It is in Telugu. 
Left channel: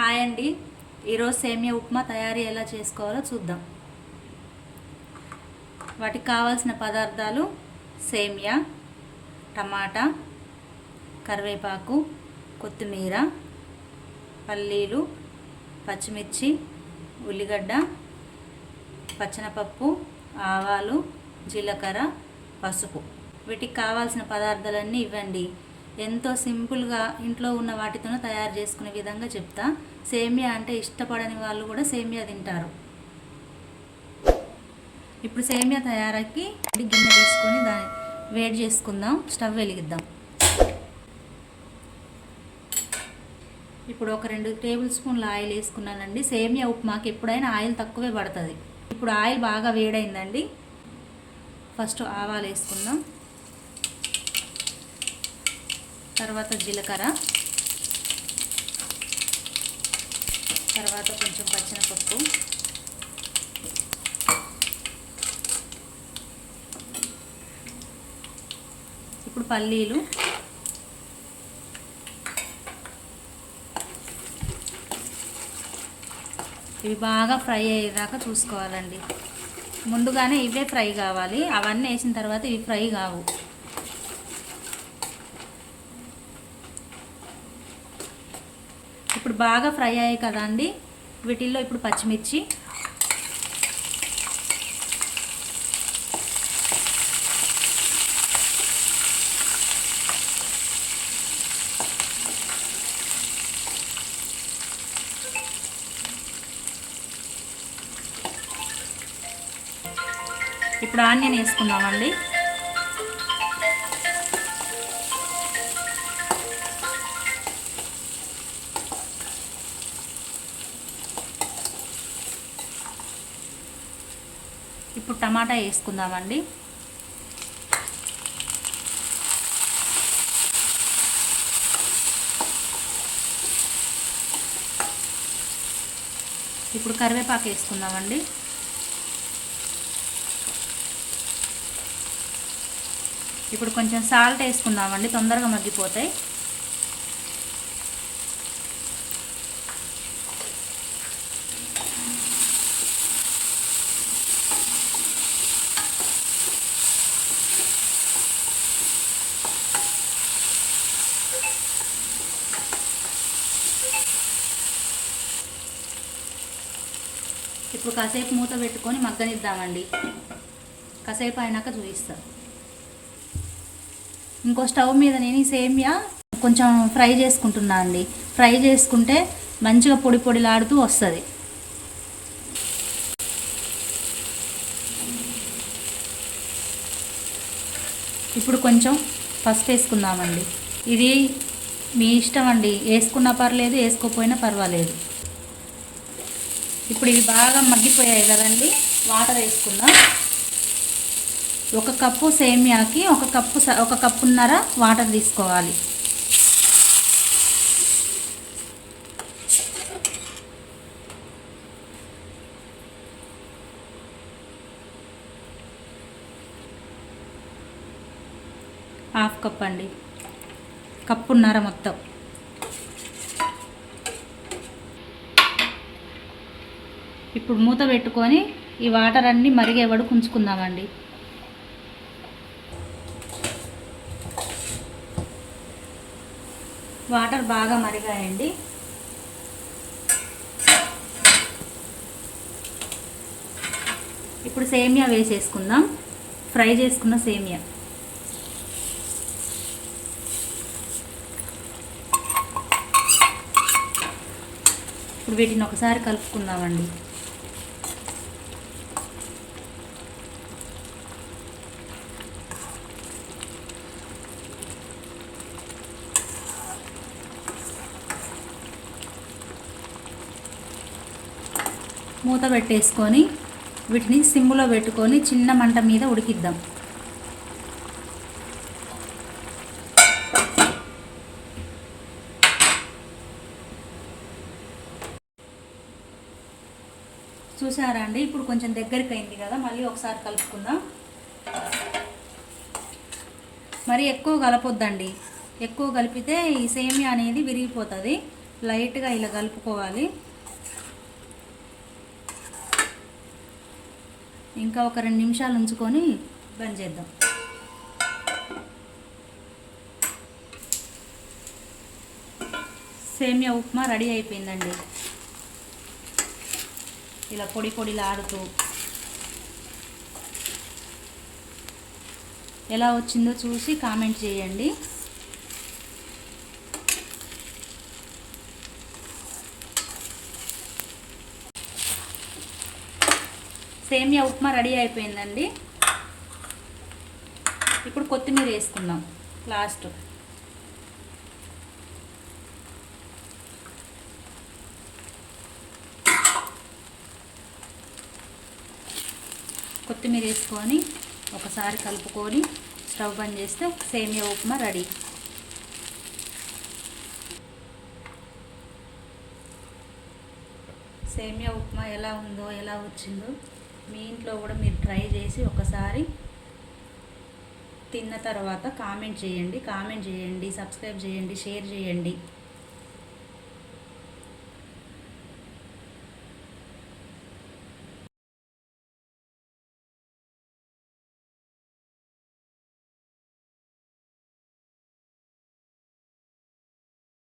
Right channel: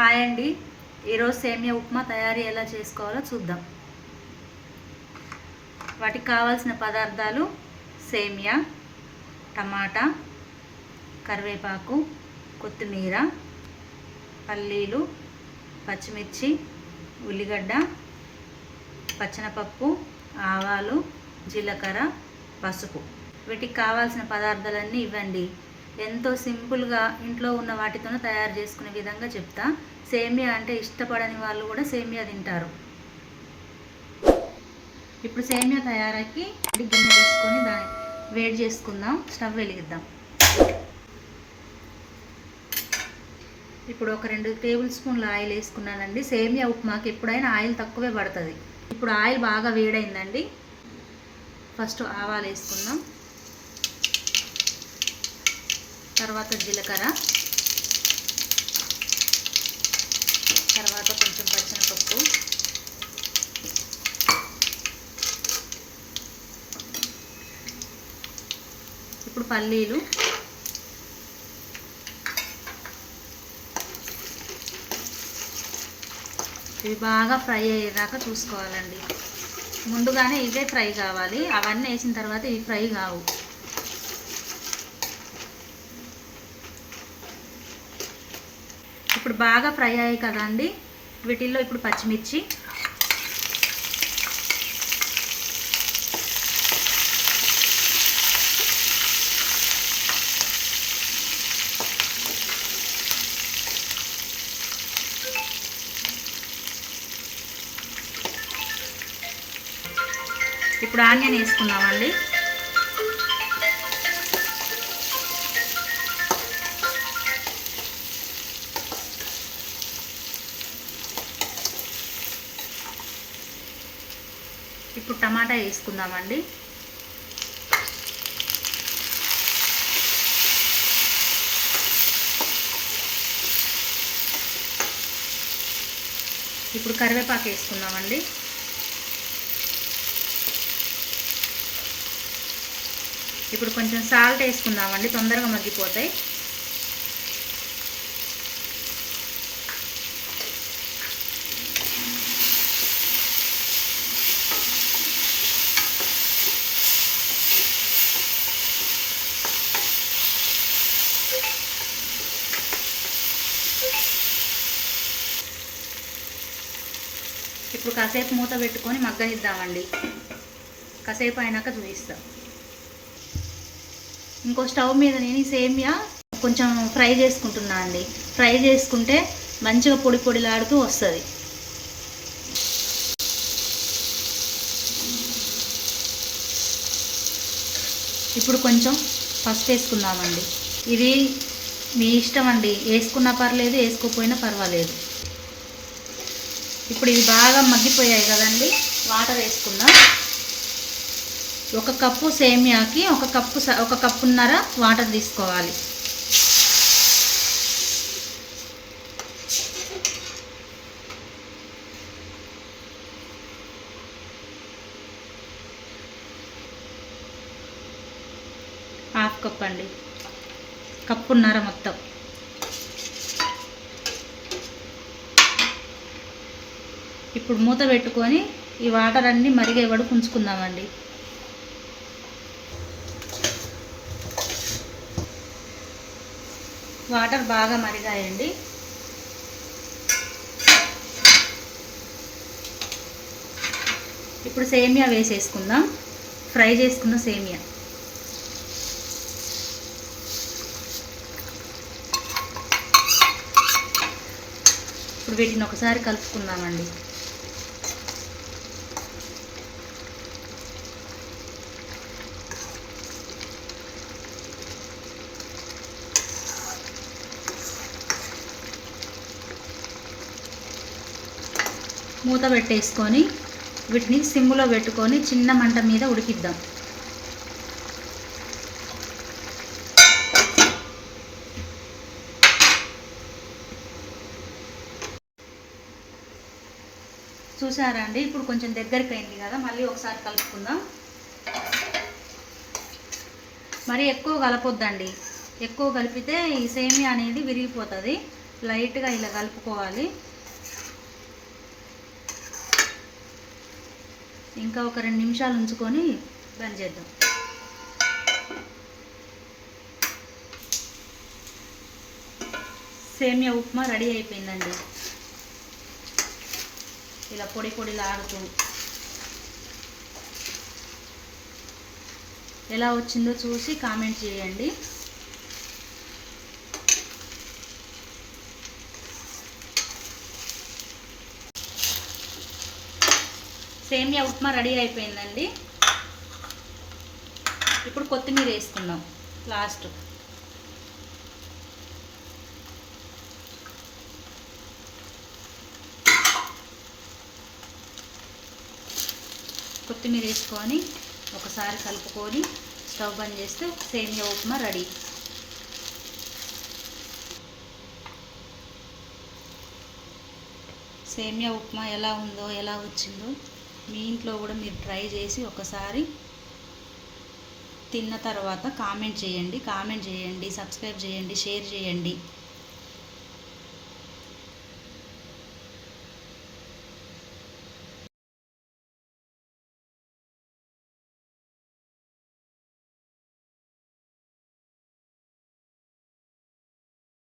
హాయ్ అండి. ఈరోజు సేమియా ఉప్మా తయారీ ఎలా చేసుకోవాలో చూద్దాం. వాటికి కావాల్సిన పదార్థాలు సేమియా, టమాటా, కరివేపాకు, కొత్తిమీర, పల్లీలు, పచ్చిమిర్చి, ఉల్లిగడ్డ, పచ్చనపప్పు, ఆవాలు, జీలకర్ర, పసుపు. వీటికి కావాల్సిన పదార్థాలన్నీ ఇవ్వండి. ఎంతో సింపుల్గా ఇంట్లో ఉన్న వాటితోనే తయారు చేసుకునే విధంగా చెప్తా. సేమియా అంటే ఇష్టపడని వాళ్ళు కూడా సేమియా తింటారు. ఇప్పుడు సేమియా తయారీకి గిన్నె తీసుకొని దాన్ని వేడి చేసుకుందాం. స్టవ్ వెలిగిద్దాం. ఇప్పుడు ఒక 2 టేబుల్ స్పూన్ల ఆయిల్ వేసుకున్నానండి. సేమియా ఉప్మాకి ఎప్పుడైనా ఆయిల్ తక్కువే పడుతుంది. ఇప్పుడు ఆయిల్ బాగా వేడైందండి. ఫస్ట్ ఆవాలు వేసుకుందాం, తర్వాత జీలకర్ర, తర్వాత కొంచెం పచ్చనపప్పు, ఇప్పుడు పల్లీలు, ఇవి బాగా ఫ్రై అయ్యేదాకా చూసుకోవాలండి. ముందుగానే ఇవే ఫ్రై కావాలి, అవన్నీ వేసిన తర్వాత ఇవి ఫ్రై కావు. ఇప్పుడు బాగా ఫ్రై అయ్యాయి కదండి. వీటిల్లో ఇప్పుడు పచ్చిమిర్చి, ఇప్పుడు ఆనియన్ వేసుకుందామండి. ఇప్పుడు టమాటా వేసుకుందామండి. ఇప్పుడు కరివేపాకు వేసుకుందామండి. ఇప్పుడు కొంచెం సాల్ట్ వేసుకుందామండి, తొందరగా మగ్గిపోతాయి. ఇప్పుడు కాసేపు మూత పెట్టుకొని మగ్గనిద్దామండి. కాసేపు అయినాక చూపిస్తాం. ఇంకో స్టవ్ మీద నేను సేమియా కొంచెం ఫ్రై చేసుకుంటున్నా అండి. ఫ్రై చేసుకుంటే మంచిగా పొడి పొడిలాడుతూ వస్తుంది. ఇప్పుడు కొంచెం పసుపు వేసుకుందామండి. ఇది మీ ఇష్టం అండి, వేసుకున్నా పర్లేదు, వేసుకోకపోయినా పర్వాలేదు. ఇప్పుడు ఇవి బాగా మగ్గిపోయాయి కదండి. వాటర్ వేసుకుందాం. 1 కప్పు సేమియాకి 1 కప్పున్నర వాటర్ తీసుకోవాలి. ½ కప్ అండి, కప్పున్నర మొత్తం. ఇప్పుడు మూత పెట్టుకొని ఈ వాటర్ అన్నీ మరిగే వరకు ఉంచుకుందామండి. వాటర్ బాగా మరిగాయండి. ఇప్పుడు సేమియా వేసేసుకుందాం. ఫ్రై చేసుకున్న సేమియా ఇప్పుడు వీటిని ఒకసారి కలుపుకుందామండి. మూత పెట్టేసుకొని వీటిని సిమ్లో పెట్టుకొని చిన్న మంట మీద ఉడికిద్దాం. చూసారా అండి, ఇప్పుడు కొంచెం దగ్గరికి అయింది కదా. మళ్ళీ ఒకసారి కలుపుకుందాం. మరి ఎక్కువ కలపొద్దండి. ఎక్కువ కలిపితే ఈ సేమియా అనేది విరిగిపోతుంది. లైట్గా ఇలా కలుపుకోవాలి. ఇంకా ఒక 2 నిమిషాలు ఉంచుకొని బంద్ చేద్దాం. సేమియా ఉప్మా రెడీ అయిపోయిందండి. ఇలా పొడి పొడిగా ఆడుతూ ఎలా వచ్చిందో చూసి కామెంట్ చేయండి. సేమియా ఉప్మా రెడీ అయిపోయిందండి. ఇప్పుడు కొత్తిమీర వేసుకుందాం లాస్ట్. కొత్తిమీర వేసుకొని ఒకసారి కలుపుకొని స్టవ్ బంద్ చేస్తే సేమియా ఉప్మా రెడీ. సేమియా ఉప్మా ఎలా ఉందో, ఎలా వచ్చిందో మీ ఇంట్లో కూడా మీరు ట్రై చేసి ఒకసారి తిన్న తర్వాత కామెంట్ చేయండి. సబ్స్క్రైబ్ చేయండి, షేర్ చేయండి.